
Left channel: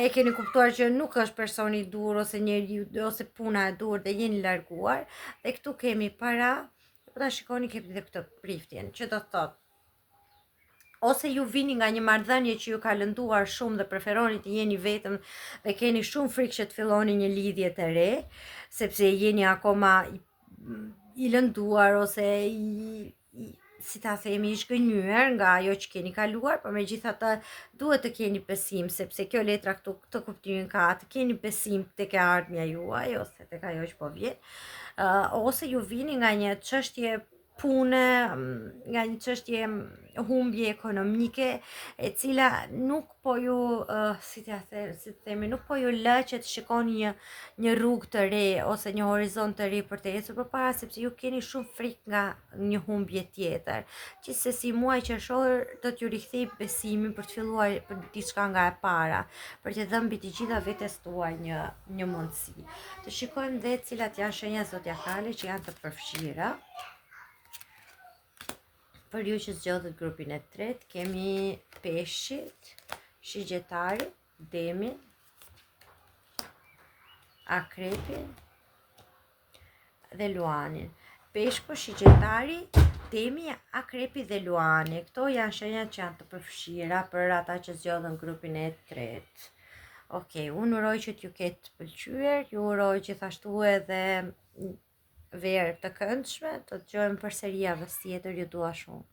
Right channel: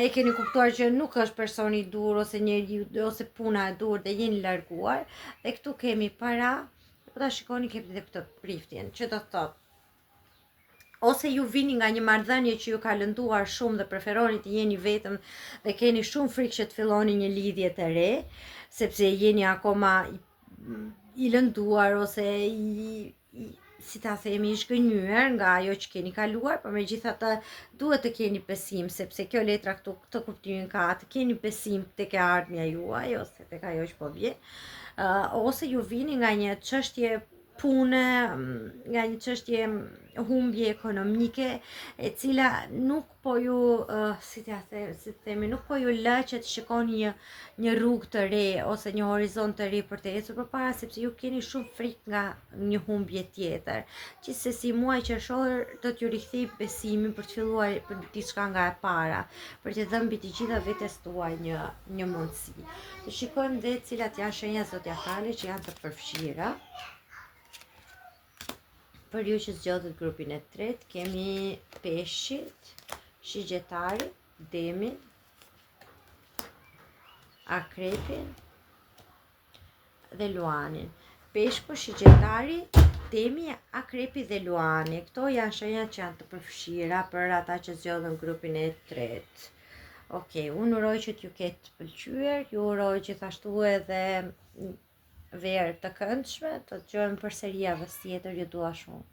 e keni kuptuar që nuk është personi i dur ose njeriu ose puna e dur dhe jeni larguar, dhe këtu kemi para, po ta shikoni kemi edhe këtë priftjen, që do të thotë ose ju vini nga një marrëdhënie që ju ka lënduar shumë dhe preferoni të jeni vetëm dhe keni shumë frikë që të filloni një lidhje të re, sepse jeni akoma i lënduar ose si ta themi, i shgënjur nga ajo që keni kaluar, por megjithatë duhet të keni besim, sepse kjo letra këtu këtë kuptimin ka, të keni besim tek e ardhmja juaj ose tek ajo që po vjen, ose ju vini nga një çështje pune, nga një çështje humbje ekonomike, e cila nuk po ju, si të themi, nuk po ju lë që të shikoni një rrugë të re ose një horizont të re për të ecur përpara, sepse ju keni shumë frikë nga një humbje tjetër. Gjithsesi muaji qershor do t'ju rikthej besimin për të filluar për diçka nga e para, për të dhënë mbi të gjitha vetes tuaj një mundësi. Të shikojmë dhe cilat janë shenjat zodiakale që janë të përfshira. Për ju që zgjodhët grupin e tretë, kemi peshqit, shigjetari, demin, akrepin dhe luanin. Peshku, shigjetari, demi, akrepi dhe luani. Këto janë shenjat që janë të përfshira për ata që zgjodhën grupin e tretë. Okej, unë uroj që t'ju ketë pëlqyer, ju uroj gjithashtu edhe verë të këndshme, të dëgjojmë përsëri javës tjetër, ju dua shumë.